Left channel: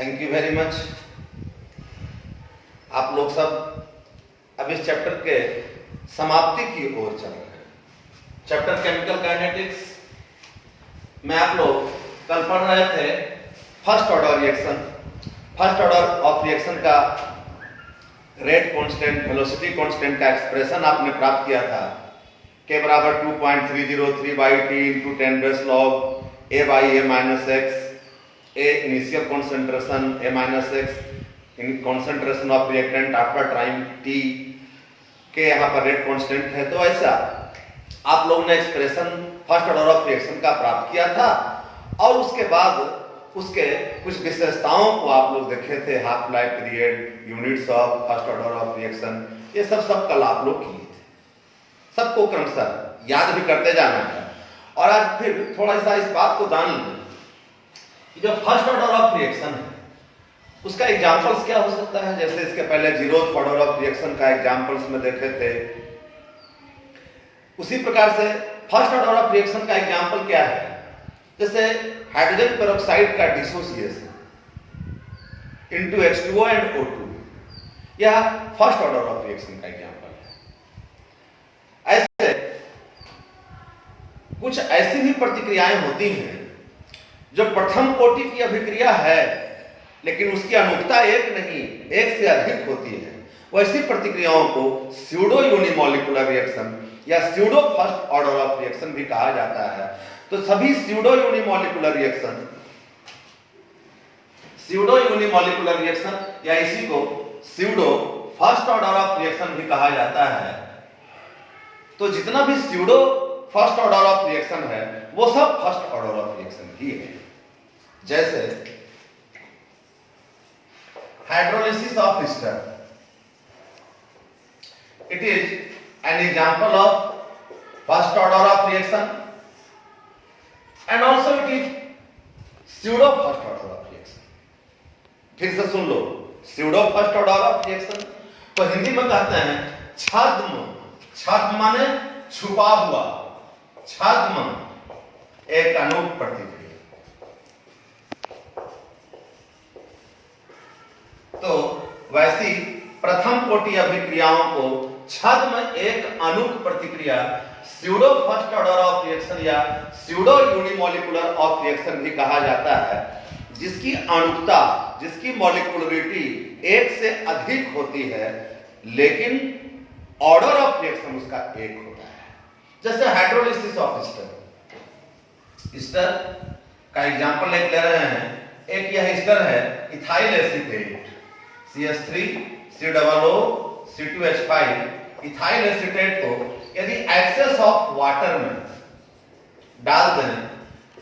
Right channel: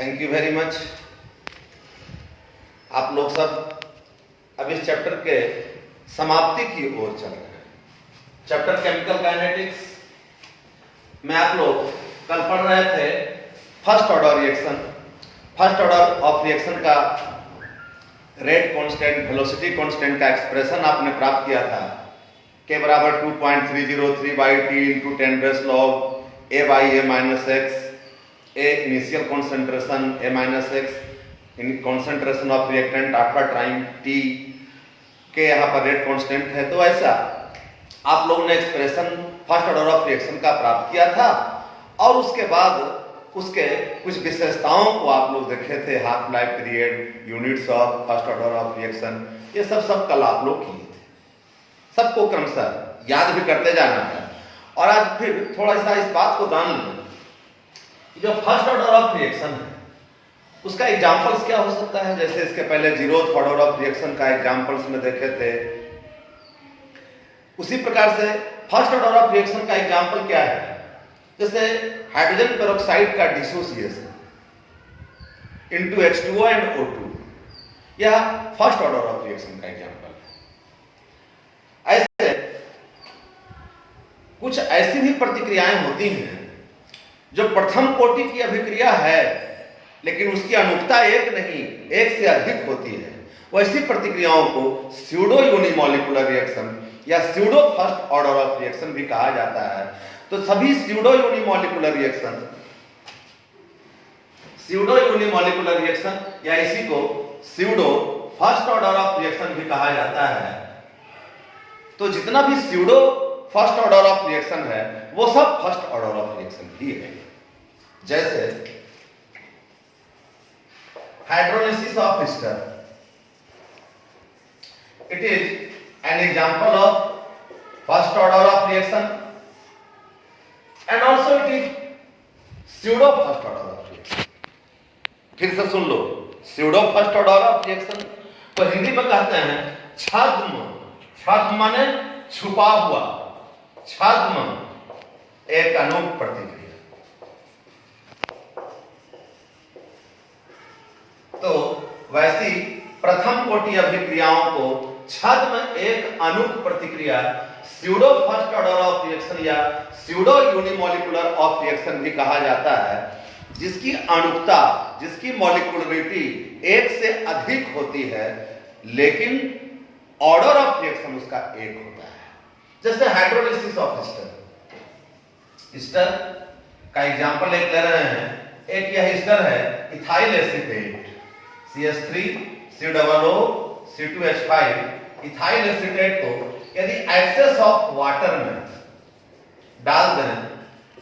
Thank you very much. आप लोग सब अब इस चैप्टर के समाप्ति की ओर चल रहे हैं। चैप्टर केमिकल काइनेटिक्स में आप लोग कल पढ़ रहे थे first order reaction. First order of reaction का रेट कांस्टेंट, वेलोसिटी कांस्टेंट का एक्सप्रेशन आपने प्राप्त किया था के बराबर 2.303 बाई टी इंटू 10 रेस log A by A minus X. A initial concentration A minus X in concentration of reactant after time T के यहाँ पर रेट कांस्टेंट है। तो ऐसा आप लोगों ने expression first order of reaction का प्राप्त किया था और उसके बाद उसके कुछ विशेषताओं को आप लोग देखे थे, half life period, units of first order of reaction, ये सब कल आप लोग किए थे। सबको क्रमशः याद भी करते जाना है। और आज फिर थोड़ा सा इस बात को जान लें कि जो फर्स्ट ऑर्डर ऑफ रिएक्शन है उसका एग्जाम्पल्स क्या हो सकता है। जैसे इसके पहले जीरोथ ऑर्डर ऑफ रिएक्शन का एग्जाम्पल्स में देखे थे, उसी प्रकार से फर्स्ट ऑर्डर ऑफ रिएक्शन का एग्जाम्पल क्या है। जैसे हाइड्रोजन पेरोक्साइड का dissociation into H2O and O2, यह फर्स्ट ऑर्डर ऑफ रिएक्शन का एग्जाम्पल है। ऐसे कुछ ऐसी भी प्रतिक्रियाएं होती हैं जो प्रथम कोटि की अभिक्रिया है लेकिन उसकी अनुक्ता एक नहीं, एक से अधिक होती है। वैसी प्रतिक्रियाओं को स्यूडो यूनिमॉलिक्यूलर रिएक्शन या pseudo first order of reaction भी कहा जाता है। तो सभी स्यूडो यूनिमॉलिक्यूलर रिएक्शन या इसी को pseudo first order of reaction भी कहा जाता है। तो जितना भी pseudo first order of reaction है वो सब फर्स्ट ऑर्डर ऑफ रिएक्शन ही है। जैसे hydrolysis of ester, it is an example of first order of reaction and also it is pseudo first order of reaction. फिर से सुन लो, pseudo first order of reaction तो हिंदी में कहते हैं छद्म। छद्म माने छुपा हुआ, छद्म एक अनूप प्रतिक्रिया। तो वैसी प्रथम कोटि अभिक्रियाओं को छद्म एक अनूप प्रतिक्रिया pseudo first order of reaction या स्यूडो यूनिमॉलिक्यूलर ऑफ रिएक्शन भी कहा जाता है, जिसकी अणुकता, जिसकी मॉलिक्यूलरिटी एक से अधिक होती है लेकिन ऑर्डर ऑफ रिएक्शन उसका एक होता है। जैसे हाइड्रोलिसिस ऑफ ईस्टर। ईस्टर का एग्जांपल एक ले रहे हैं। एक यह ईस्टर है ethyl acetate CH3 COO C2H5। Ethyl acetate को यदि एक्सेस ऑफ वाटर में डाल दें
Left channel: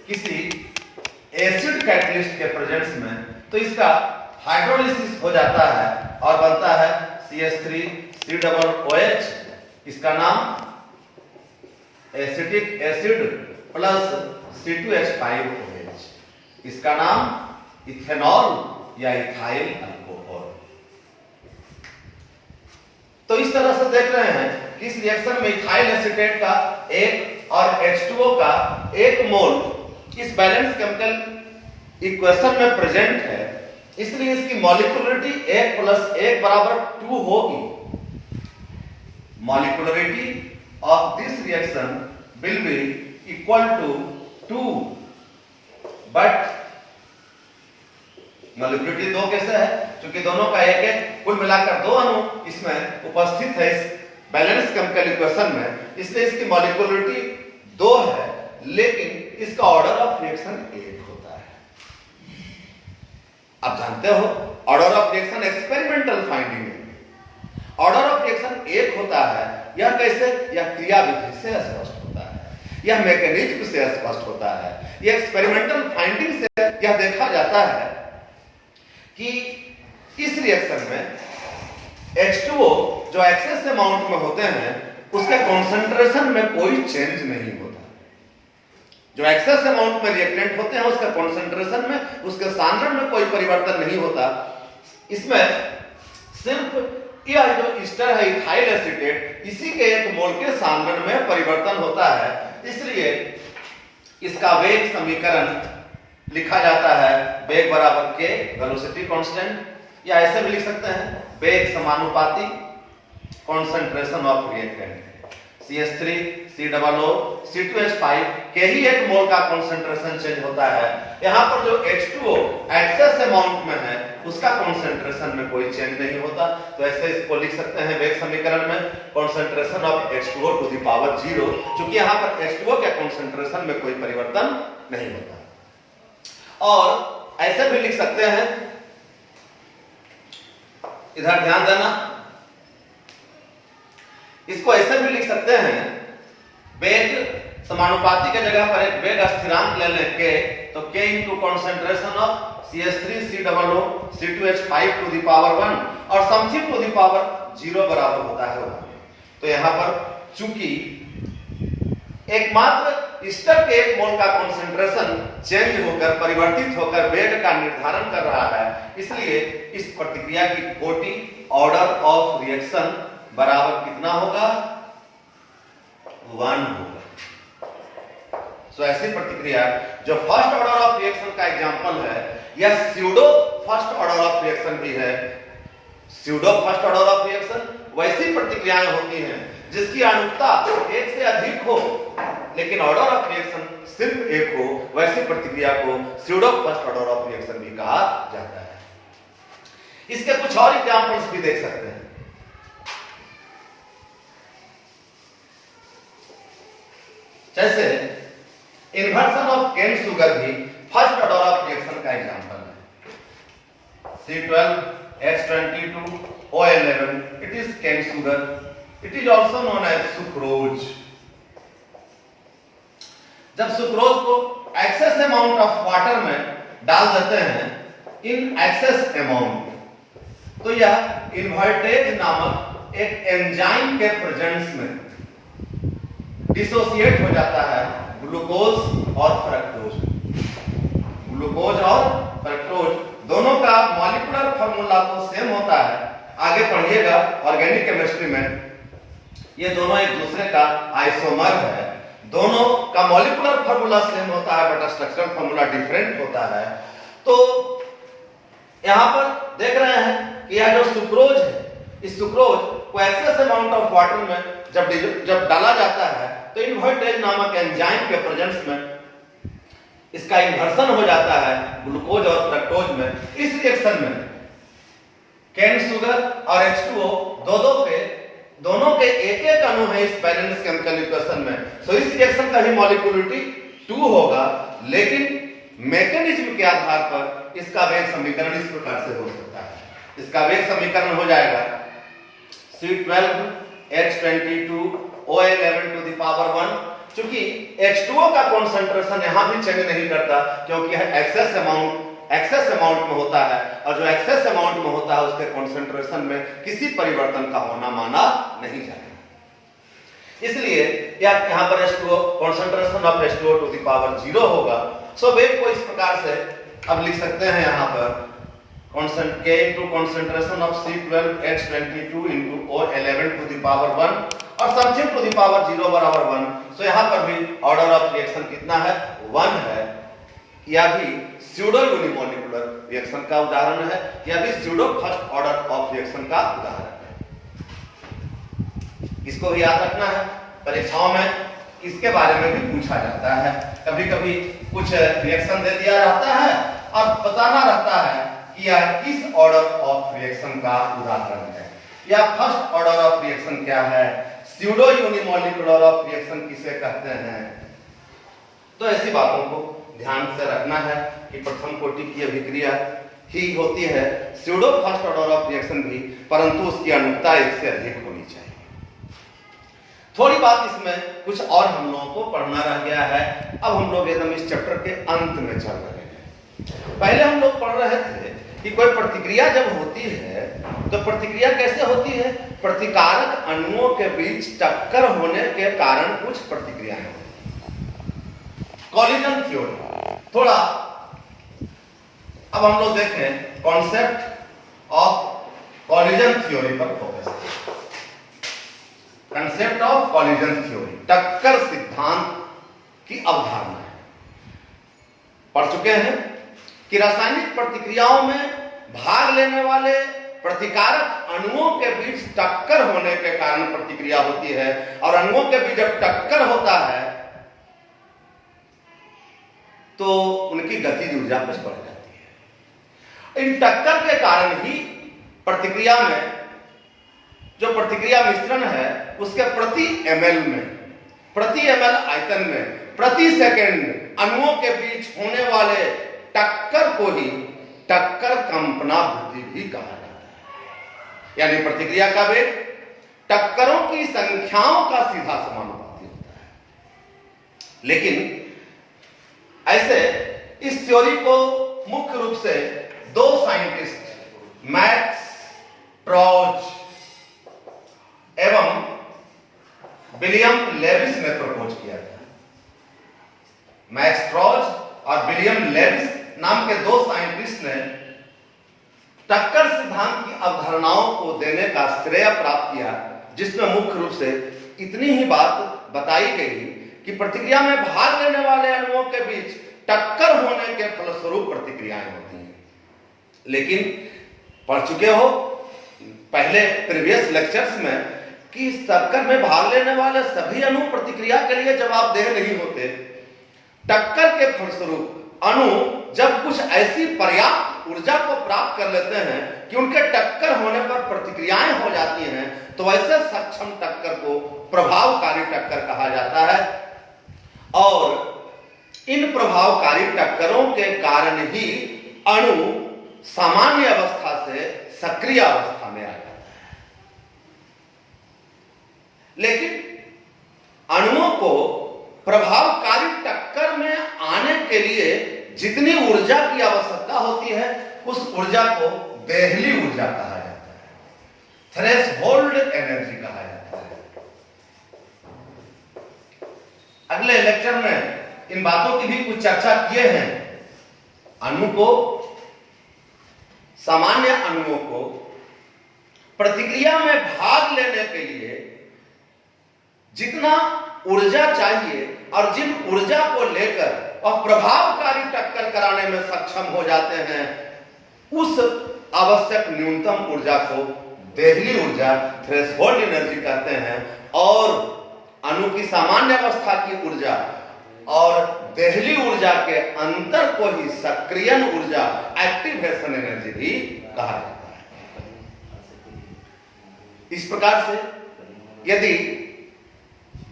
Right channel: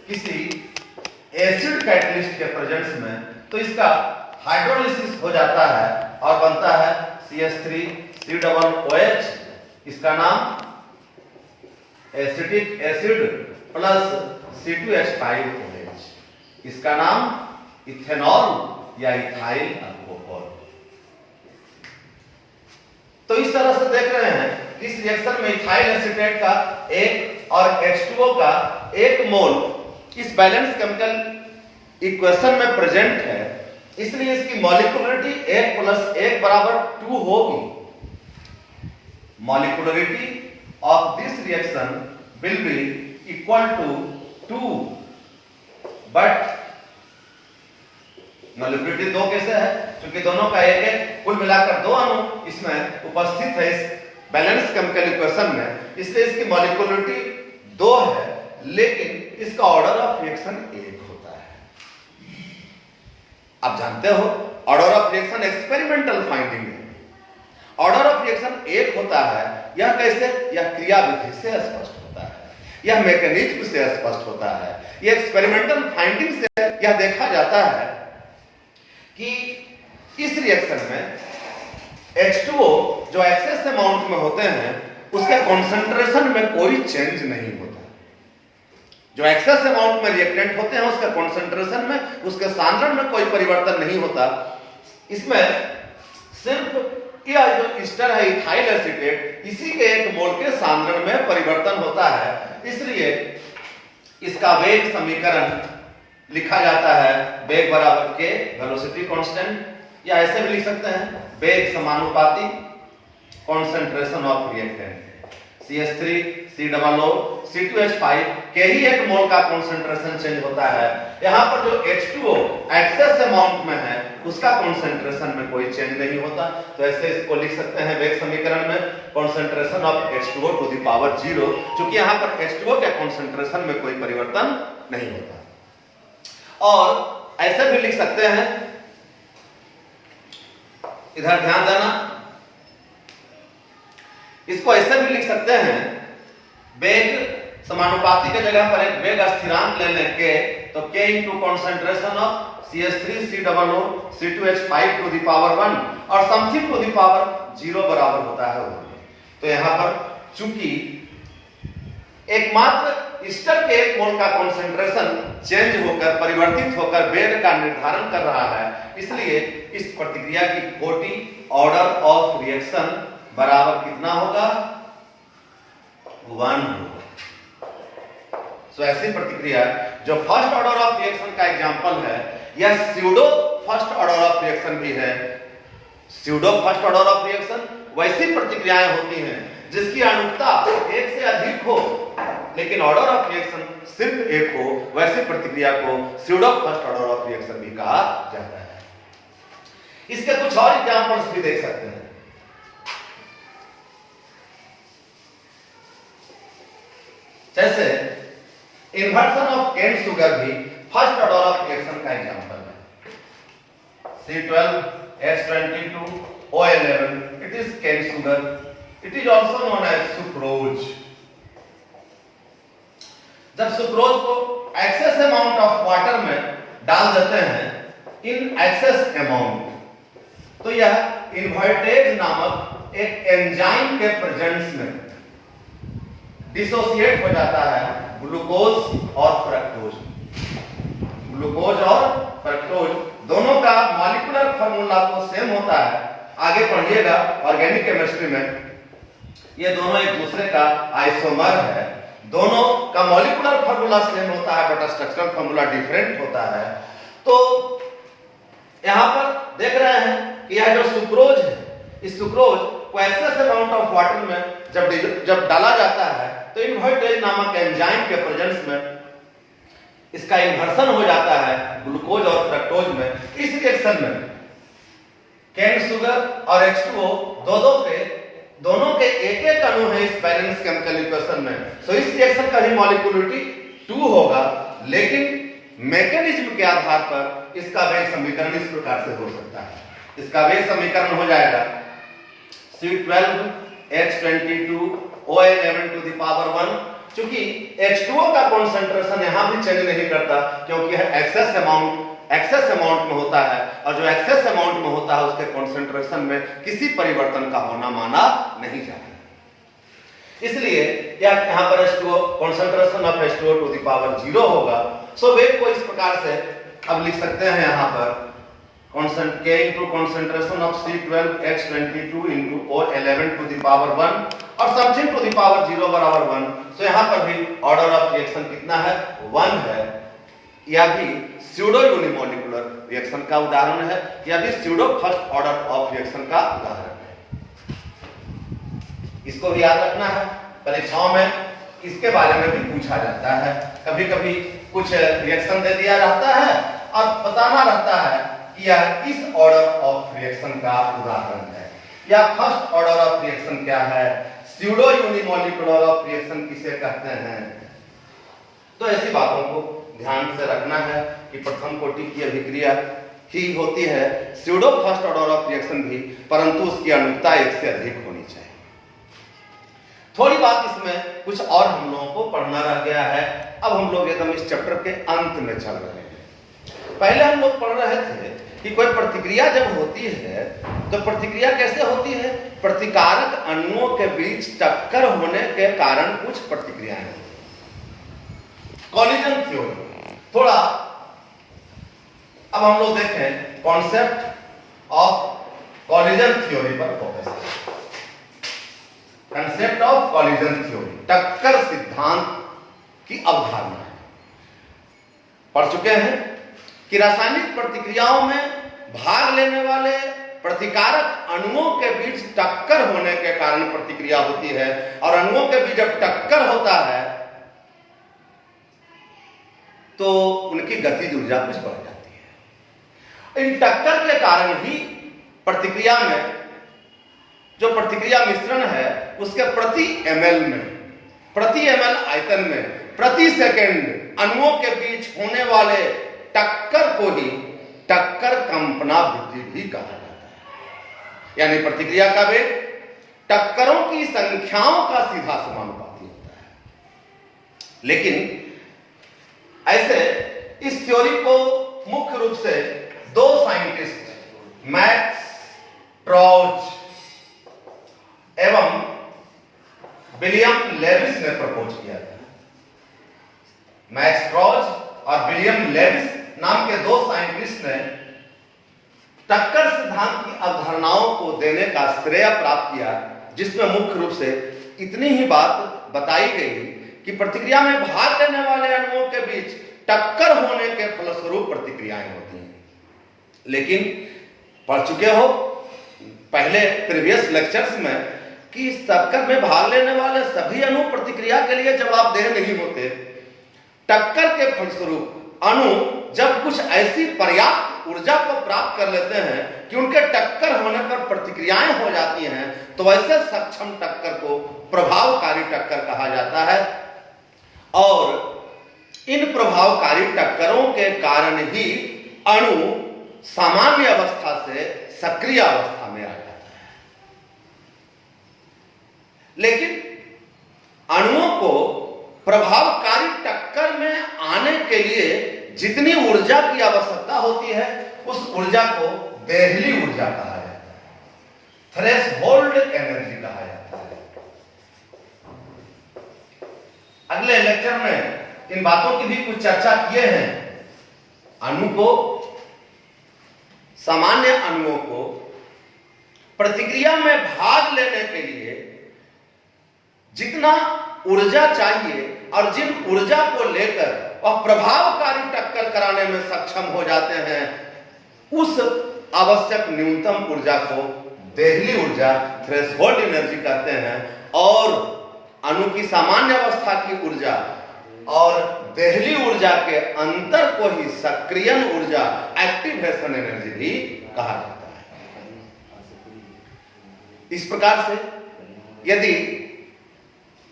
किसी एसिड कैटलिस्ट के प्रेजेंस में तो इसका हाइड्रोलिसिस हो जाता है और बनता है CH3 COOH। इसका नाम एसिटिक एसिड प्लस C2H5OH। इसका नाम इथेनॉल या इथाइल अल्कोहल। तो इस तरह से देख रहे हैं कि इस रिएक्शन में इथाइल एसीटेट का एक और H2O का एक मोल इस बैलेंस केमिकल इक्वेशन में प्रेजेंट है, इसलिए इसकी मॉलिक्यूलरिटी 1 + 1 = 2 होगी। Molecularity of this reaction will be equal to 2, but molecularity 2 कैसे है? क्योंकि दोनों का एक है, कुल मिलाकर 2 अणु इसमें उपस्थित है इस बैलेंस केमिकल इक्वेशन में, इसलिए इसकी मॉलिक्यूलरिटी 2 है लेकिन इसका ऑर्डर ऑफ रिएक्शन 1 होता है। आप जानते हो order of reaction experimental finding है। ऑर्डर ऑफ रिएक्शन 1 होता है। यह कैसे? यह क्रिया विधि से स्पष्ट होता है, यह मैकेनिज्म से स्पष्ट होता है, यह एक्सपेरिमेंटल फाइंडिंग से यह देखा जाता है कि इस रिएक्शन में H2O जो एक्सेस अमाउंट में होते हैं उसके कॉन्सेंट्रेशन में कोई चेंज नहीं होता। जो एक्सेस अमाउंट में रिएक्टेंट होते हैं उसके कॉन्सेंट्रेशन में, उसके सांद्रण में कोई परिवर्तन नहीं होता। इसमें सिर्फ यह जो ईस्टर है इथाइल एसीटेट, इसी के एक मोल के सांद्रण में परिवर्तन होता है। इसलिए इसका वेग समीकरण लिखा जाता है वेग बराबर के वेलोसिटी कांस्टेंट, या ऐसे भी लिख सकते हैं वेग समानुपाती concentration of reactant CH3 COO C2H5 के ही एक मोल का कॉन्सेंट्रेशन चेंज होता है। यहाँ पर जो H2O एक्सेस अमाउंट में है उसका कॉन्सेंट्रेशन में कोई चेंज नहीं होता, तो ऐसे इसको लिख सकते हैं वेग समीकरण में concentration of H2O to the power 0, क्योंकि यहाँ पर H2O के कॉन्सेंट्रेशन में कोई परिवर्तन नहीं होता। और ऐसे भी लिख सकते हैं, इधर ध्यान देना, इसको ऐसे भी लिख सकते हैं वेग समानुपाती के जगह पर एक वेग स्थिरांक ले लें के, तो k into concentration of CH3 COO C2H5 to the power 1 और समथिंग टू द पावर 0 बराबर होता है 1। तो यहां पर चूंकि एकमात्र स्टर के एक मोल का कॉन्सेंट्रेशन चेंज होकर परिवर्तित होकर वेग का निर्धारण कर रहा है, इसलिए इस प्रतिक्रिया की कोटि ऑर्डर ऑफ रिएक्शन बराबर कितना होगा 1 होगा। सो ऐसी प्रतिक्रिया जो फर्स्ट ऑर्डर ऑफ रिएक्शन का एग्जांपल है, यह pseudo first order of reaction भी है। Pseudo first order of reaction वैसी प्रतिक्रियाएं होती हैं जिसकी अनुक्ता एक से अधिक हो लेकिन ऑर्डर ऑफ रिएक्शन सिर्फ एक हो, वैसी प्रतिक्रिया को pseudo first order of reaction भी कहा जाता है। इसके कुछ और एग्जांपल्स भी देख सकते हैं। जैसे इन्वर्सन ऑफ केन शुगर भी फर्स्ट ऑर्डर ऑफ रिएक्शन का एग्जांपल है। C12H22O11 it is cane sugar, it is also known as sucrose. जब सुक्रोज को एक्सेस अमाउंट ऑफ वाटर में डाल देते हैं इन एक्सेस अमाउंट, तो यह इन्वर्टेज नामक एक एंजाइम के प्रेजेंस में डिसोसिएट हो जाता है ग्लूकोज और फ्रक्टोज। ग्लूकोज और फ्रक्टोज दोनों का मॉलिक्यूलर फार्मूला तो सेम होता है, आगे पढ़िएगा ऑर्गेनिक केमिस्ट्री में ये दोनों एक दूसरे का आइसोमर है। दोनों का मॉलिक्यूलर फार्मूला सेम होता है बट स्ट्रक्चरल फार्मूला डिफरेंट होता है। तो यहां पर देख रहे हैं कि यह जो सुक्रोज है, इस सुक्रोज को एक्सेस अमाउंट ऑफ वाटर में जब डाला जाता है तो इन्वर्टेज नामक एंजाइम के प्रेजेंस में इसका इन्वर्सन हो जाता है ग्लूकोज और फ्रक्टोज में। इस रिएक्शन में केन शुगर और H2O दोनों के एक एक अणु है इस बैलेंस केमिकल इक्वेशन में। तो इस रिएक्शन का भी मॉलिक्यूलरिटी 2 होगा, लेकिन मैकेनिज्म के आधार पर इसका वेग समीकरण इस प्रकार से हो सकता है। इसका वेग समीकरण हो जाएगा C12H22O11 टू द पावर 1। चूंकि H2O का कॉन्सेंट्रेशन यहां भी चेंज नहीं करता क्योंकि यह एक्सेस अमाउंट में होता है, और जो एक्सेस अमाउंट में होता है उसके कॉन्सेंट्रेशन में किसी परिवर्तन का होना माना नहीं जाता। इसलिए यहां पर H2O concentration of H2O to the power 0 होगा। सो वेग को इस प्रकार से अब लिख सकते हैं यहां पर K into concentration of C12H22 into O11 to the power 1 और something to the power 0 बराबर 1। तो यहां पर भी ऑर्डर ऑफ रिएक्शन कितना है 1 है। यह भी स्यूडो यूनिमोलिकुलर रिएक्शन का उदाहरण है, यह भी pseudo first order of reaction का उदाहरण है। इसको भी याद रखना है, परीक्षाओं में इसके बारे में भी पूछा जाता है। कभी कभी कुछ रिएक्शन दे दिया रहता है और बताना रहता है यह किस ऑर्डर ऑफ रिएक्शन का उदाहरण है, या फर्स्ट ऑर्डर ऑफ रिएक्शन क्या है, स्यूडो यूनिमोलिकुलर ऑफ रिएक्शन किसे कहते हैं। तो ऐसी बातों को ध्यान से रखना है कि प्रथम कोटि की अभिक्रिया ही होती है pseudo first order of reaction भी, परंतु उसकी अनुक्ता एक से अधिक होनी चाहिए। थोड़ी बात इसमें कुछ और हम लोगों को पढ़ना रह गया है। अब हम लोग एकदम इस चैप्टर के अंत में चल रहे हैं। पहले हम लोग पढ़ रहे थे कि कोई प्रतिक्रिया जब होती है तो प्रतिक्रिया कैसे होती है, प्रतिकारक अणुओं के बीच टक्कर होने के कारण कुछ प्रतिक्रियाएं होती हैं। कॉलिजन थ्योरी, थोड़ा अब हम लोग देखें कॉन्सेप्ट ऑफ कॉलिजन थ्योरी पर फोकस करें। कंसेप्ट ऑफ कॉलिजन थ्योरी, टक्कर सिद्धांत की अवधारणा है। पढ़ चुके हैं कि रासायनिक प्रतिक्रियाओं में भाग लेने वाले प्रतिकारक अणुओं के बीच टक्कर होने के कारण प्रतिक्रिया होती है, और अणुओं के बीच जब टक्कर होता है तो उनकी गतिज ऊर्जा कुछ बढ़ जाती है। इन टक्कर के कारण ही प्रतिक्रिया में जो प्रतिक्रिया मिश्रण है उसके प्रति ml आयतन में प्रति सेकंड अणुओं के बीच होने वाले टक्कर को ही टक्कर कंपनावृत्ति भी कहा जाता है। यानी प्रतिक्रिया का वेग टक्करों की संख्याओं का सीधा समानुपाती होता है। लेकिन ऐसे इस थ्योरी को मुख्य रूप से दो साइंटिस्ट मैक्स ट्रॉज एवं विलियम लेविस ने प्रपोज किया था। मैक्स ट्रॉज और विलियम लेविस नाम के दो साइंटिस्ट ने टक्कर सिद्धांत की अवधारणाओं को देने का श्रेय प्राप्त किया, जिसमें मुख्य रूप से इतनी ही बात बताई गई कि प्रतिक्रिया में भाग लेने वाले अणुओं के बीच टक्कर होने के फलस्वरूप प्रतिक्रियाएं होती हैं। लेकिन पढ़ चुके हो पहले प्रीवियस लेक्चर्स में कि इस टक्कर में भाग लेने वाले सभी अणु प्रतिक्रिया के लिए जवाबदेह नहीं होते। टक्कर के फलस्वरूप अणु जब कुछ ऐसी पर्याप्त ऊर्जा को प्राप्त कर लेते हैं कि उनके टक्कर होने पर प्रतिक्रियाएं हो जाती हैं, तो ऐसे सक्षम टक्कर को प्रभावकारी टक्कर कहा जाता है। और इन प्रभावकारी टक्करों के कारण ही अणु सामान्य अवस्था से सक्रिय अवस्था में आ जाता है। लेकिन अणुओं को प्रभावकारी टक्कर में आने के लिए जितनी ऊर्जा की आवश्यकता होती है उस ऊर्जा को देहली ऊर्जा कहा जाता है, थ्रेशहोल्ड एनर्जी कहा जाता है। अगले लेक्चर में इन बातों की भी कुछ चर्चा किए हैं। अणु को, सामान्य अणुओं को प्रतिक्रिया में भाग लेने के लिए जितना ऊर्जा चाहिए और जिन ऊर्जा को लेकर वह प्रभावकारी टक्कर कराने में सक्षम हो जाते हैं, उस आवश्यक न्यूनतम ऊर्जा को देहली ऊर्जा, थ्रेशहोल्ड एनर्जी कहते हैं। और अणु की सामान्य अवस्था की ऊर्जा और देहली ऊर्जा के अंतर को ही सक्रियण ऊर्जा, एक्टिवेशन एनर्जी भी कहा जाता है। इस प्रकार से यदि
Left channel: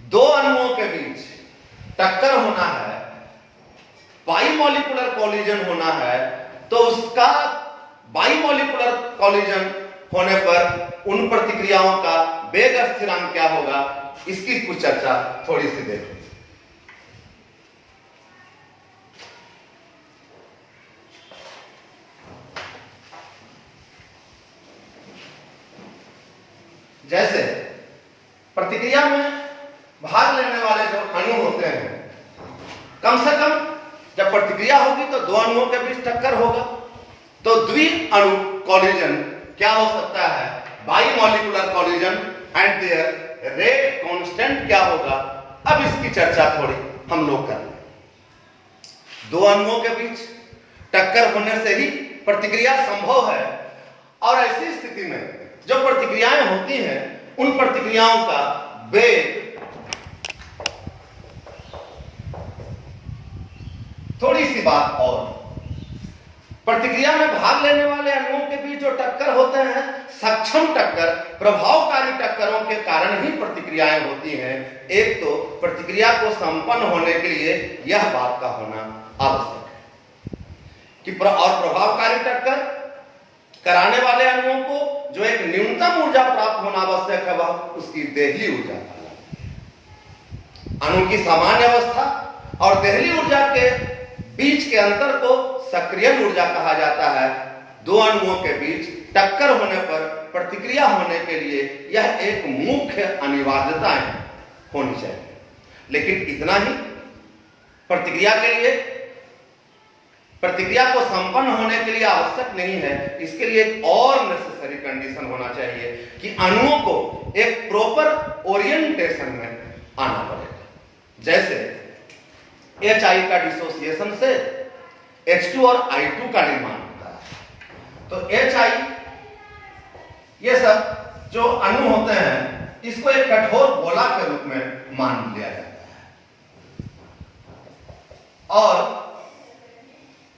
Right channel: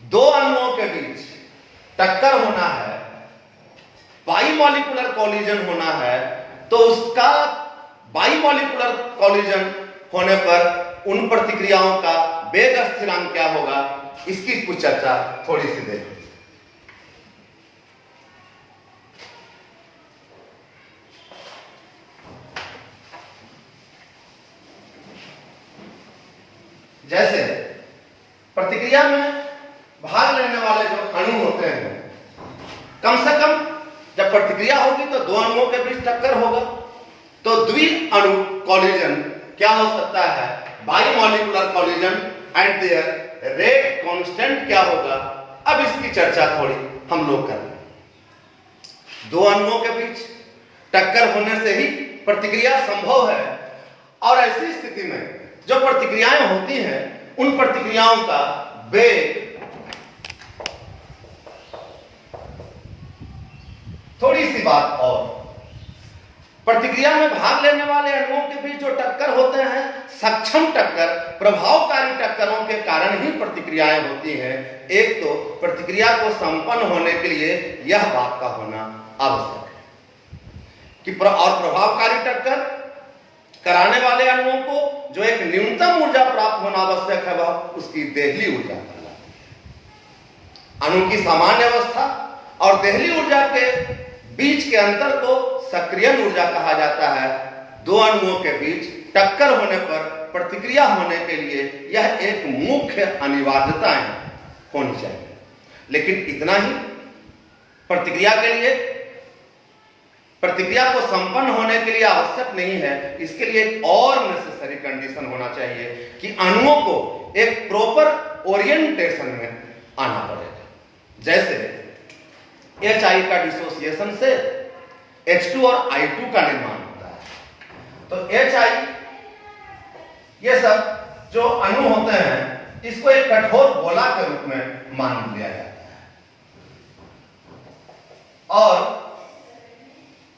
दो अणुओं के बीच टक्कर होना है, बाइमॉलिक्यूलर कोलिजन होना है, तो उसका बाइमॉलिक्यूलर कोलिजन होने पर उन प्रतिक्रियाओं का वेग स्थिरांक क्या होगा, इसकी कुछ चर्चा थोड़ी सी देखें। जैसे प्रतिक्रिया में भाग लेने वाले जो अणु होते हैं, कम से कम जब प्रतिक्रिया होगी तो दो अणुओं के बीच टक्कर होगा, तो द्वि अणु कोलिजन क्या हो सकता है, bimolecular collision, and their rate constant क्या होगा। अब इसकी चर्चा थोड़ी हम लोग करें। दो अणुओं के बीच टक्कर होने से ही प्रतिक्रिया संभव है, और ऐसी स्थिति में जो प्रतिक्रियाएं होती हैं उन प्रतिक्रियाओं का वेग थोड़ी सी बात और, प्रतिक्रिया में भाग लेने वाले अणुओं के बीच जो टक्कर होते हैं, सक्षम टक्कर, प्रभावकारी टक्करों के कारण ही प्रतिक्रियाएं होती हैं। एक तो प्रतिक्रिया को संपन्न होने के लिए यह बात का होना आवश्यक है कि और प्रभावकारी टक्कर कराने वाले अणुओं को जो एक न्यूनतम ऊर्जा प्राप्त होना आवश्यक है, वह उसकी देहली ऊर्जा कहलाती है। अणु की सामान्य अवस्था और देहली ऊर्जा के बीच के अंतर को सक्रियण ऊर्जा कहा जाता है। दो अणुओं के बीच टक्कर होने पर प्रतिक्रिया होने के लिए यह एक मुख्य अनिवार्यता होनी चाहिए। लेकिन इतना ही प्रतिक्रिया के लिए, प्रतिक्रिया को संपन्न होने के लिए आवश्यक नहीं है। इसके लिए एक और नेसेसरी कंडीशन होना चाहिए कि अणुओं को एक प्रॉपर ओरिएंटेशन में आना पड़ेगा। जैसे HI का डिसोसिएशन से H2 और I2 का निर्माण होता है। तो HI ये सब जो अणु होते हैं इसको एक कठोर गोला के रूप में मान लिया जाता है, और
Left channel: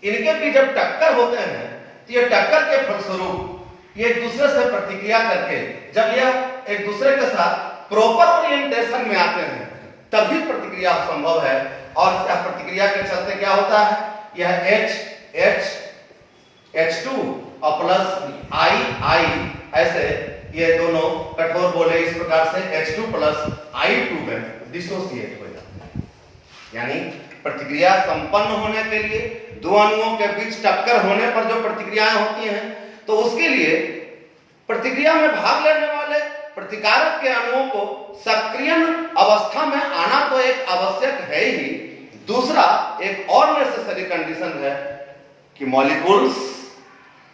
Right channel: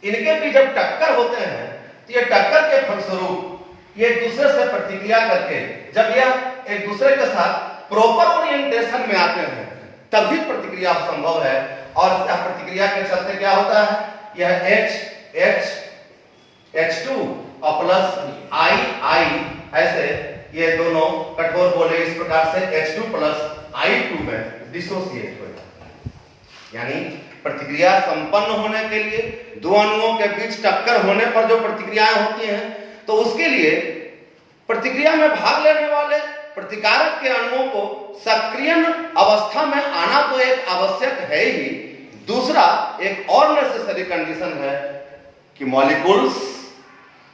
इनके भी जब टक्कर होते हैं तो ये टक्कर के फलस्वरूप ये एक दूसरे से प्रतिक्रिया करके जब यह एक दूसरे के साथ प्रॉपर ओरिएंटेशन में आते हैं तभी प्रतिक्रिया संभव है। और यह प्रतिक्रिया के चलते क्या होता है, यह H2 और प्लस I ऐसे ये दोनों कठोर गोले इस प्रकार से H2 प्लस I2 में डिसोसिएट हो जाते हैं। यानी प्रतिक्रिया संपन्न होने के लिए दो अणुओं के बीच टक्कर होने पर जो प्रतिक्रियाएं होती हैं तो उसके लिए प्रतिक्रिया में भाग लेने वाले प्रतिकारक के अणुओं को सक्रियण अवस्था में आना तो एक आवश्यक है ही, दूसरा एक और नेसेसरी कंडीशन है कि molecules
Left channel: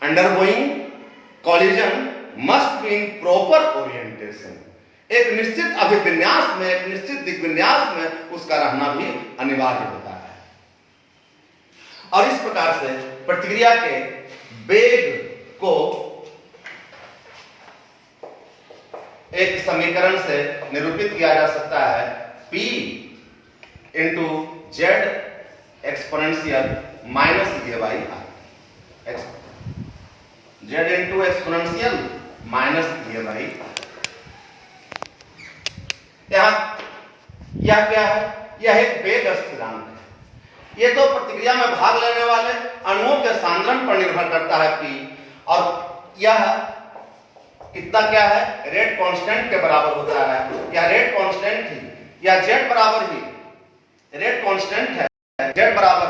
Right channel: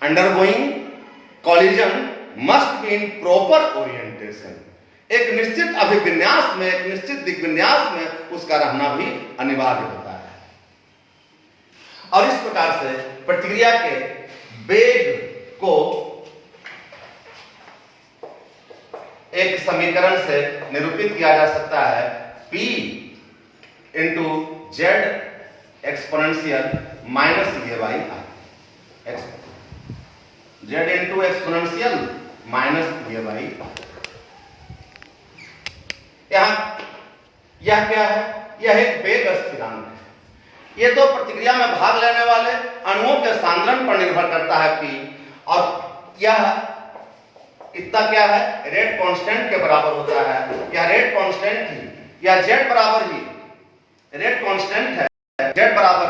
undergoing collision must be in proper orientation. एक निश्चित अभिविन्यास में, एक निश्चित दिग्विन्यास में उसका रहना भी अनिवार्य होता है। और इस प्रकार से प्रतिक्रिया के वेग को एक समीकरण से निरूपित किया जा सकता है, P into Z exponential minus ये by R, Z into exponential minus ये बाई आर। यह क्या है, यह एक वेग स्थिरांक है। यह तो प्रतिक्रिया में भाग लेने वाले अणुओं के सांद्रण पर निर्भर करता है P, और यह इतना क्या है, रेट कांस्टेंट के बराबर होता है। यह रेट कांस्टेंट ही, यह जेड बराबर ही रेट कांस्टेंट है, जेड बराबर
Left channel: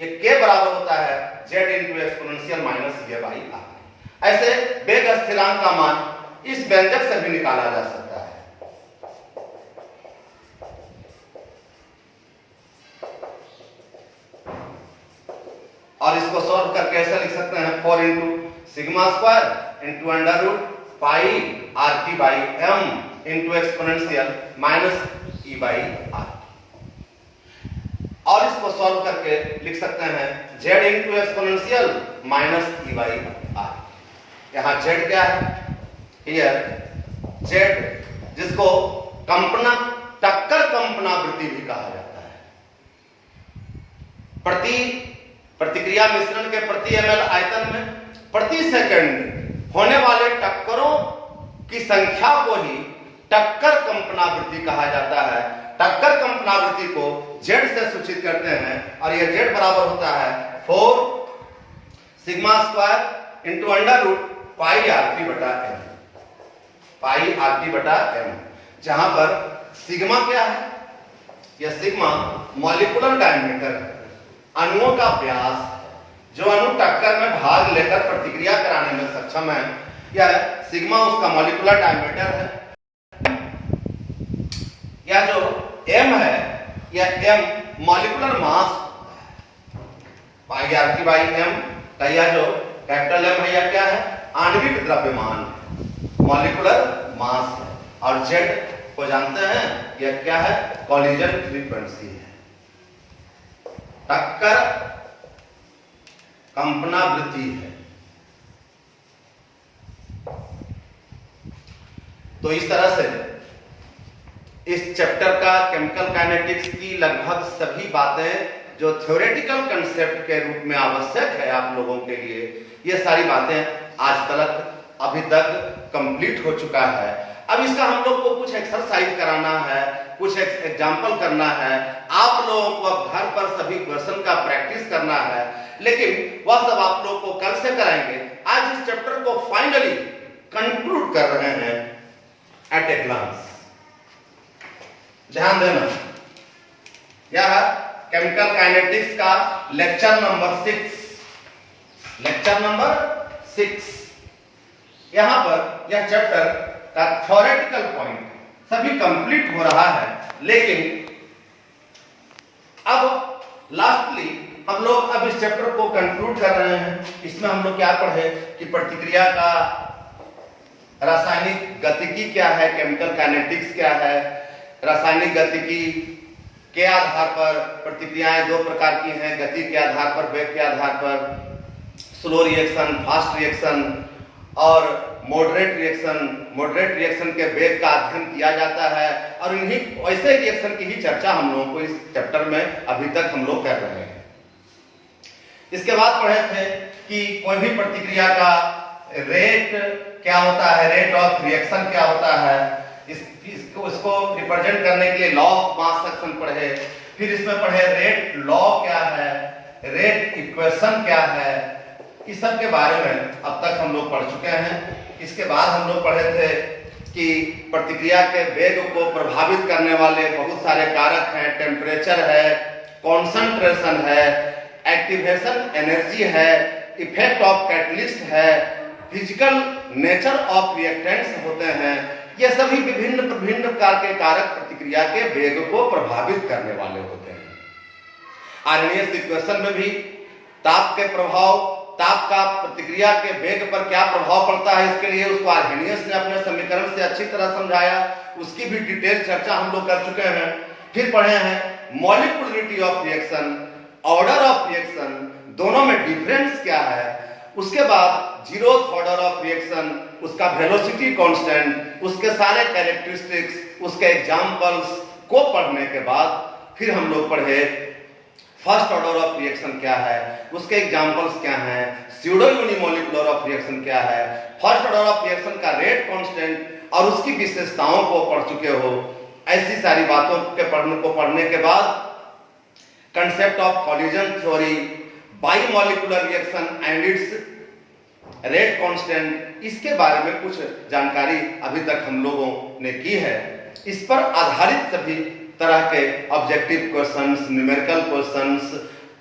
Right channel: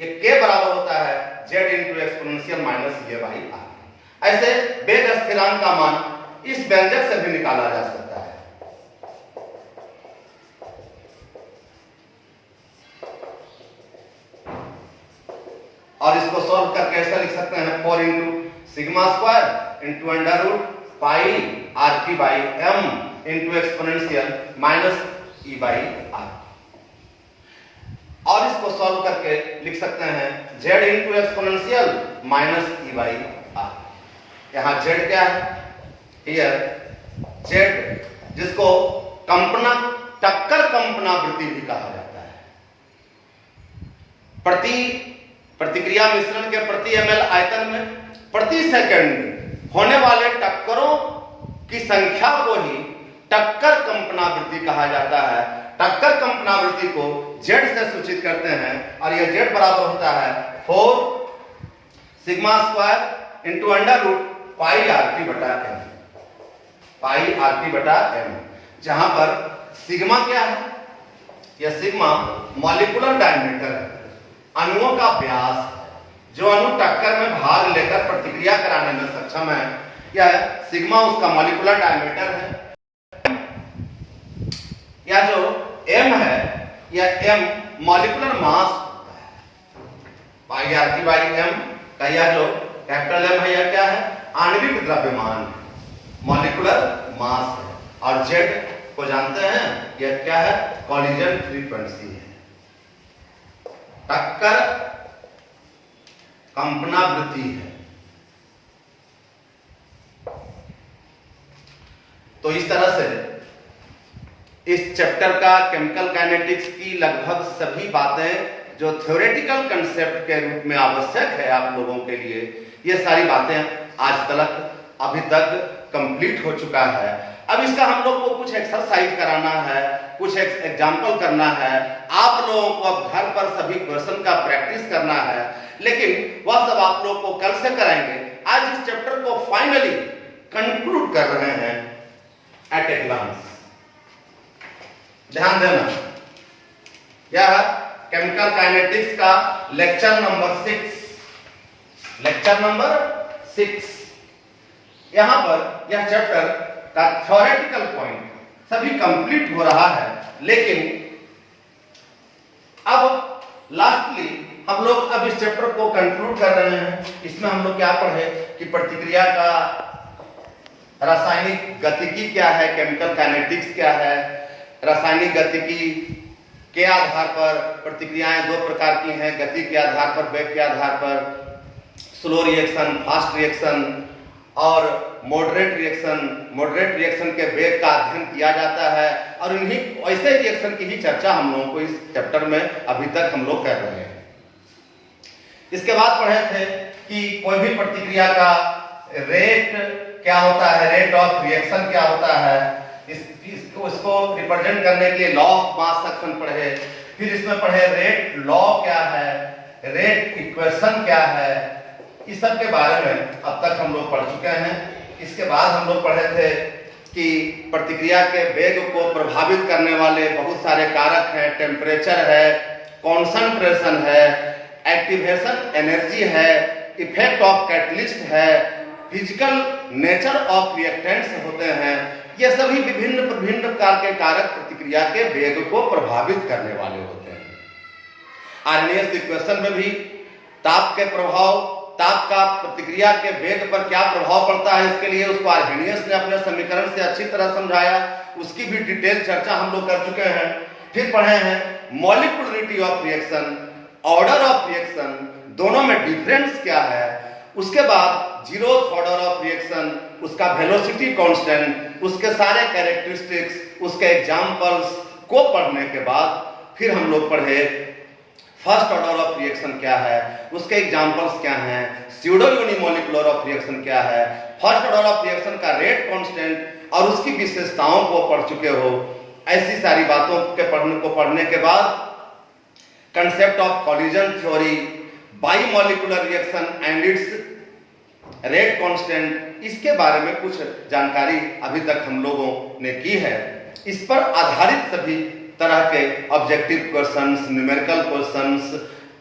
ये के बराबर होता है जेड इंटू एक्सपोनेंशियल माइनस ये बाई आर। ऐसे वेग स्थिरांक का मान इस व्यंजक से भी निकाला जा सकता है। और इसको सॉल्व करके ऐसा लिख सकते हैं 4 into sigma square into under root pi R T by M into exponential minus E by R. और इसको सॉल्व करके लिख सकते हैं Z into exponential minus E by R. यहां जेड क्या है, जेड जिसको कंपना टक्कर कंपनावृत्ति भी कहा जाता है। प्रतिक्रिया मिश्रण के प्रति ml आयतन में प्रति सेकंड होने वाले टक्करों की संख्या को ही टक्कर कंपनावृत्ति कहा जाता है। टक्कर कंपनावृत्ति को जेड से सूचित करते हैं, और यह जेड बराबर होता है 4 sigma square into under root pi R T बटा एम, पाई आर टी बटा एम, जहां पर सिग्मा क्या है, यह सिग्मा मॉलिक्यूलर डायमीटर है, अणुओं का व्यास, जो अणु टक्कर में भाग लेकर प्रतिक्रिया कराने में सक्षम है, यह सिग्मा उसका मॉलिक्यूलर डायमीटर है। यह जो m है, यह m molecular mass, pi R T by M का यह जो कैपिटल M है, यह क्या है, आणविक द्रव्यमान, मॉलिक्यूलर मास है। और z को जानते हैं, यह क्या है, कॉलिजन फ्रीक्वेंसी है, टक्कर कंपनावृत्ति है। तो इस तरह से इस चैप्टर का केमिकल काइनेटिक्स की लगभग सभी बातें जो थ्योरेटिकल कंसेप्ट के रूप में आवश्यक है आप लोगों के लिए, ये सारी बातें आज तक अभी तक कंप्लीट हो चुका है। अब इसका हम लोग को कुछ एक्सरसाइज कराना है, कुछ एग्जाम्पल करना है, आप लोगों को अब घर पर सभी क्वेश्चन का प्रैक्टिस करना है, लेकिन वह सब आप लोग को कल से कराएंगे। आज इस चैप्टर को फाइनली कंक्लूड कर रहे हैं एट ए ग्लांस। ध्यान देना, यह केमिकल काइनेटिक्स का लेक्चर नंबर 6 यहां पर यह चैप्टर का थ्योरेटिकल पॉइंट सभी कंप्लीट हो रहा है। लेकिन अब लास्टली हम लोग अब इस चैप्टर को कंक्लूड कर रहे हैं। इसमें हम लोग क्या पढ़े कि प्रतिक्रिया का रासायनिक गतिकी क्या है, केमिकल काइनेटिक्स क्या है, रासायनिक गतिकी के आधार पर प्रतिक्रियाएं दो प्रकार की हैं, गति के आधार पर, वेग के आधार पर, स्लो रिएक्शन, फास्ट रिएक्शन और मॉडरेट रिएक्शन। मॉडरेट रिएक्शन के वेग का अध्ययन किया जाता है और इन्हीं ऐसे रिएक्शन की ही चर्चा हम लोगों को इस चैप्टर में अभी तक हम लोग कर रहे हैं। इसके बाद पढ़े थे कि कोई भी प्रतिक्रिया का रेट क्या होता है, रेट ऑफ रिएक्शन क्या होता है, इसको रिप्रेजेंट करने के लिए लॉ ऑफ मास सेक्शन पढ़े। फिर इसमें पढ़े रेट लॉ क्या है, रेट इक्वेशन क्या है, इस सब के बारे में अब तक हम लोग पढ़ चुके हैं। इसके बाद हम लोग पढ़े थे कि प्रतिक्रिया के वेग को प्रभावित करने वाले बहुत सारे कारक हैं। टेम्परेचर है, कॉन्सेंट्रेशन है, एक्टिवेशन एनर्जी है, इफेक्ट ऑफ कैटलिस्ट है, फिजिकल नेचर ऑफ रिएक्टेंट्स होते हैं। ये सभी विभिन्न प्रकार के कारक प्रतिक्रिया के वेग को प्रभावित करने वाले होते हैं। आर्हेनियस इक्वेशन में भी ताप के प्रभाव, ताप का प्रतिक्रिया के वेग पर क्या प्रभाव पड़ता है, इसके लिए उसको आर्हेनियस ने अपने समीकरण से अच्छी तरह समझाया। उसकी भी डिटेल चर्चा हम लोग कर चुके हैं। फिर पढ़े हैं molecularity of reaction, order of reaction, दोनों में डिफरेंस क्या है। उसके बाद जीरोथ ऑर्डर ऑफ रिएक्शन, उसका वेलोसिटी कांस्टेंट, उसके सारे कैरेक्टरिस्टिक्स, उसके एग्जांपल्स को पढ़ने के बाद फिर हम लोग पढ़े फर्स्ट ऑर्डर ऑफ रिएक्शन क्या है, उसके एग्जांपल्स क्या हैं, स्यूडो यूनिमोलिकुलर ऑफ रिएक्शन क्या है, फर्स्ट ऑर्डर ऑफ रिएक्शन का रेट कांस्टेंट और उसकी विशेषताओं को पढ़ चुके हो। ऐसी सारी बातों के पढ़ने के बाद concept of collision theory, bimolecular reaction and its rate constant, इसके बारे में कुछ जानकारी अभी तक हम लोगों ने की है। इस पर आधारित सभी तरह के ऑब्जेक्टिव क्वेश्चंस, न्यूमेरिकल क्वेश्चंस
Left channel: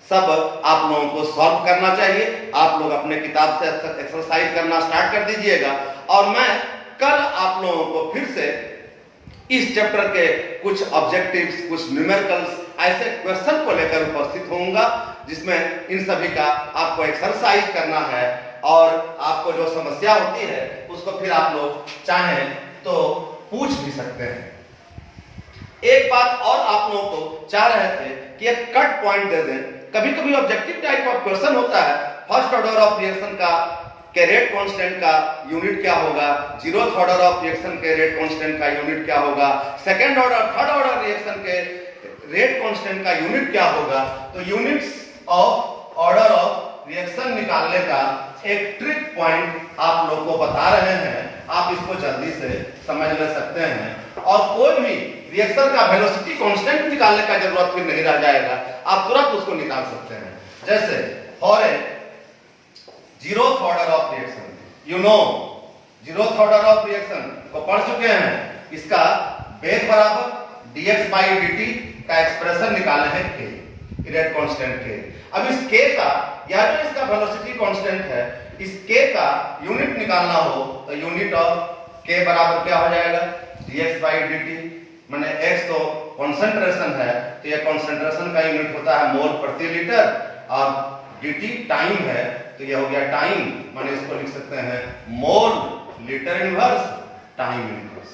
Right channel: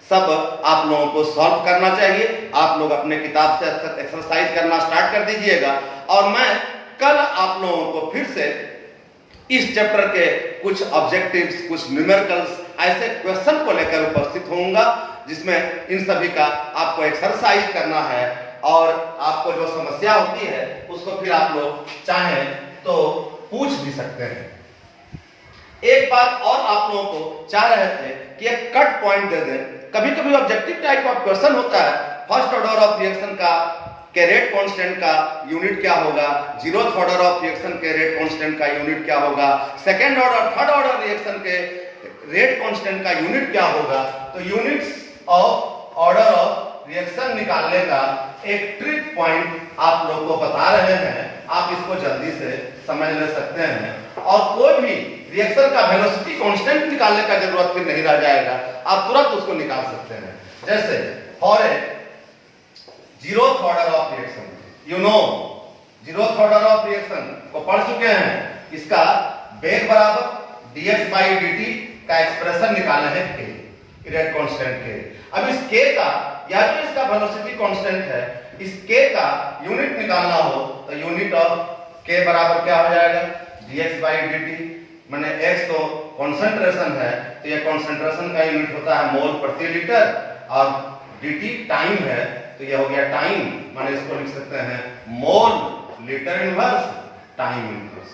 सब आप लोगों को सॉल्व करना चाहिए। आप लोग अपने किताब से एक्सरसाइज करना स्टार्ट कर दीजिएगा और मैं कल आप लोगों को फिर से इस चैप्टर के कुछ ऑब्जेक्टिव्स, कुछ न्यूमेरिकल्स, ऐसे क्वेश्चन को लेकर उपस्थित होऊंगा जिसमें इन सभी का आपको एक्सरसाइज करना है और आपको जो समस्या होती है उसको फिर आप लोग चाहें तो पूछ भी सकते हैं। एक बात और आप लोगों को चाह रहे थे कि एक कट पॉइंट दे दें। कभी कभी ऑब्जेक्टिव टाइप ऑफ क्वेश्चन होता है, फर्स्ट ऑर्डर ऑफ रिएक्शन का के रेट कांस्टेंट का यूनिट क्या होगा, जीरोथ ऑर्डर ऑफ रिएक्शन के रेट कांस्टेंट का यूनिट क्या होगा, second order third order reaction के रेट कांस्टेंट का यूनिट क्या होगा। तो units of order of reaction निकालने का एक ट्रिक पॉइंट आप लोग को बता रहे हैं। आप इसको जल्दी से समझ ले सकते हैं और कोई भी रिएक्शन का वेलोसिटी कांस्टेंट निकालने का जरूरत फिर नहीं रह जाएगा, आप तुरंत उसको निकाल सकते हैं। जैसे for a zeroth order of reaction, you know zeroth order of reaction को पढ़ चुके हैं। इसका वेग बराबर dx by dt का एक्सप्रेशन निकालना है k, रेट कांस्टेंट के। अब इस k का या तो इसका वेलोसिटी कांस्टेंट है, इस k का यूनिट निकालना हो तो यूनिट ऑफ k बराबर क्या हो जाएगा, dx by dt। माने x तो कंसंट्रेशन है तो ये कंसंट्रेशन का यूनिट होता है मोल प्रति लीटर और dt टाइम है तो ये हो गया टाइम, माने इसको लिख सकते हैं mole litre inverse time inverse.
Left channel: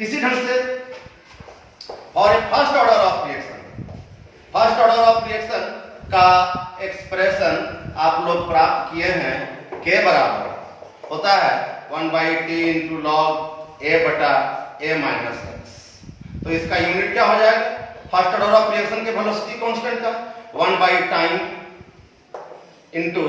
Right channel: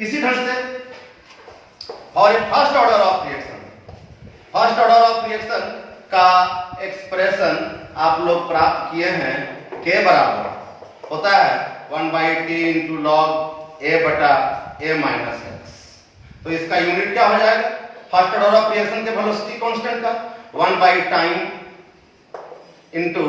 इसी ढंग से और एक first order of reaction, first order of reaction का एक्सप्रेशन आप लोग प्राप्त किए हैं। k बराबर होता है 1/t इंटू लॉग a बटा a माइनस x। तो इसका यूनिट क्या हो जाएगा, फर्स्ट ऑर्डर ऑफ रिएक्शन के वेलोसिटी कांस्टेंट का 1 time into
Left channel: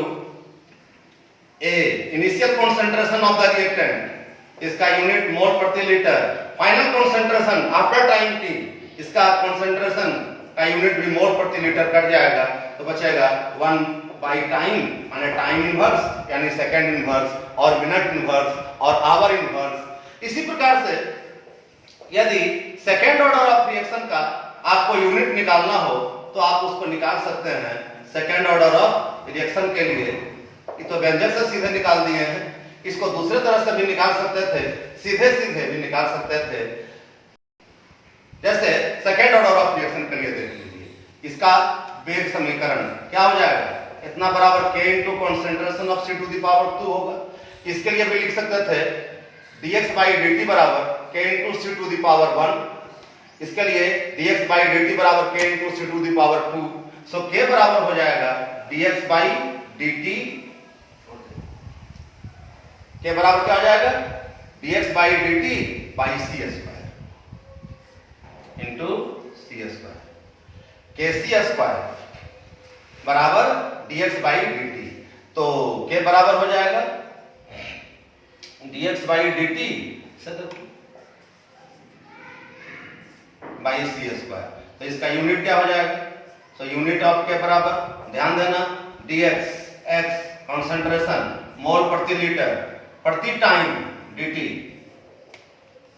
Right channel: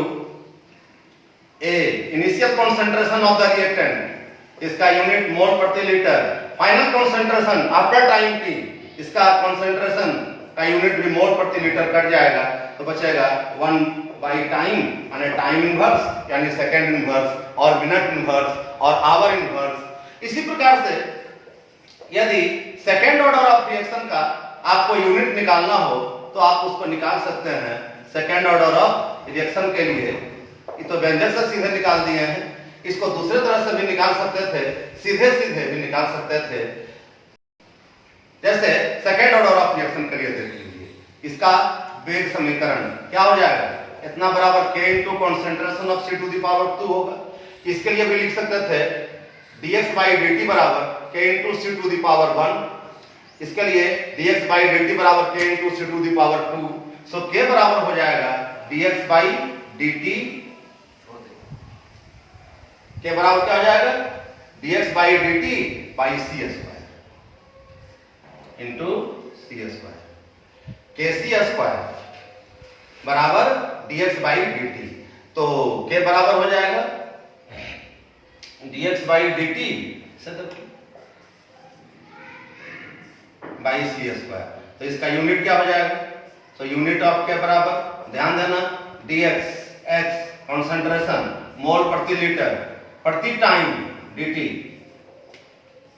a initial concentration of the reactant, इसका यूनिट मोल प्रति litre, final concentration after time t, इसका कंसंट्रेशन का यूनिट भी मोल प्रति लीटर कट जाएगा तो बचेगा 1 टाइम माने टाइम इनवर्स यानी सेकंड इनवर्स और मिनट इनवर्स और आवर इनवर्स। इसी प्रकार से यदि सेकंड ऑर्डर ऑफ रिएक्शन का आपको यूनिट निकालना हो तो आप उसको निकाल सकते हैं। सेकंड ऑर्डर ऑफ रिएक्शन के लिए ये तो व्यंजक से सीधे निकाल दिए हैं, इसको दूसरे तरह से भी निकाल सकते थे, सीधे सीधे भी निकाल सकते थे। जैसे सेकंड ऑर्डर ऑफ रिएक्शन के लिए देख लीजिए, इसका वेग समीकरण क्या हो जाएगा, इतना बराबर k इनटू concentration of c to the power 2 होगा। इसके लिए भी लिख सकते थे dx by dt बराबर k into c to the power 1 इसके लिए dx by dt बराबर k into c to the power 2। So k बराबर हो जाएगा dx by dt, k बराबर क्या हो जाएगा dx by dt by c square into c square, kc square बराबर dx by dt। तो k बराबर हो जाएगा dx by dt by C square. तो इसका यूनिट क्या हो जाएगा, तो यूनिट ऑफ के बराबर, ध्यान देना, dx x कंसंट्रेशन मोल प्रति लीटर प्रति time dt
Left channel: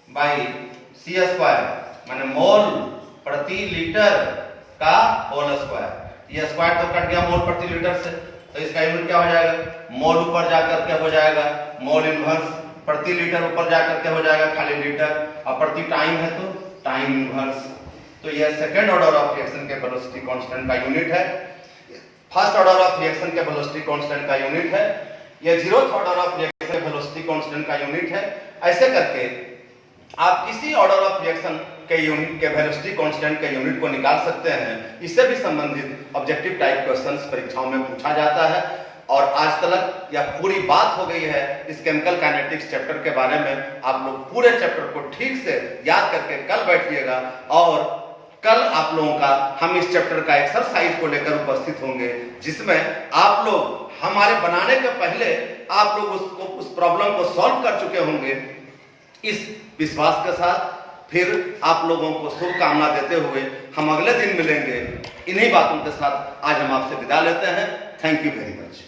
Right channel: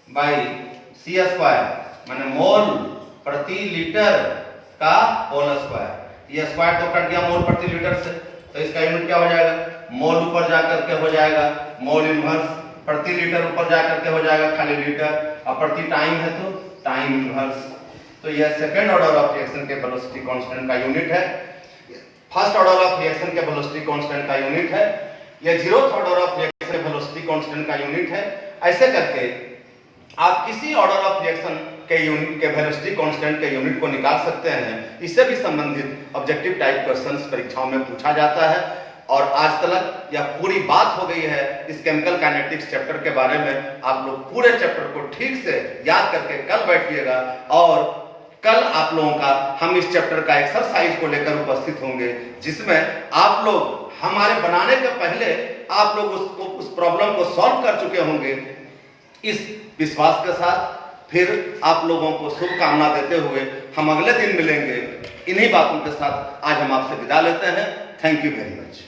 by C square माने मोल प्रति लीटर का होल स्क्वायर। ये स्क्वायर तो कट गया मोल प्रति लीटर से, तो इसका यूनिट क्या हो जाएगा, मोल ऊपर जाकर के हो जाएगा मोल इनवर्स, प्रति लीटर ऊपर जाकर के हो जाएगा खाली लीटर, और प्रति टाइम है तो टाइम इनवर्स। तो यह सेकंड ऑर्डर ऑफ रिएक्शन के वेलोसिटी कांस्टेंट का यूनिट है, फर्स्ट ऑर्डर ऑफ रिएक्शन के वेलोसिटी कांस्टेंट का यूनिट है, यह जीरोथ ऑर्डर ऑफ रिएक्शन के वेलोसिटी कांस्टेंट का यूनिट है। ऐसे करके आप किसी ऑर्डर ऑफ रिएक्शन के यूनिट के वेलोसिटी कांस्टेंट के यूनिट को निकाल सकते हैं। इससे भी संबंधित ऑब्जेक्टिव टाइप क्वेश्चंस परीक्षाओं में पूछा जाता है। और आज तक यह पूरी बात हो गई है इस केमिकल काइनेटिक्स चैप्टर के बारे में। आप लोग पूरे चैप्टर को ठीक से याद करके कल बैठिएगा, और कल आप लोगों का हम इस चैप्टर का एक्सरसाइज को लेकर उपस्थित होंगे, जिसमें आप लोग हमारे बनाने के पहले आप लोग उस प्रॉब्लम को सॉल्व कर चुके होंगे। इस विश्वास के साथ फिर आप लोगों को शुभकामना देते हुए हम अगले दिन मिलेंगे। इन्हीं बातों के साथ आज हम आपसे विदा लेते हैं। Thank you very much.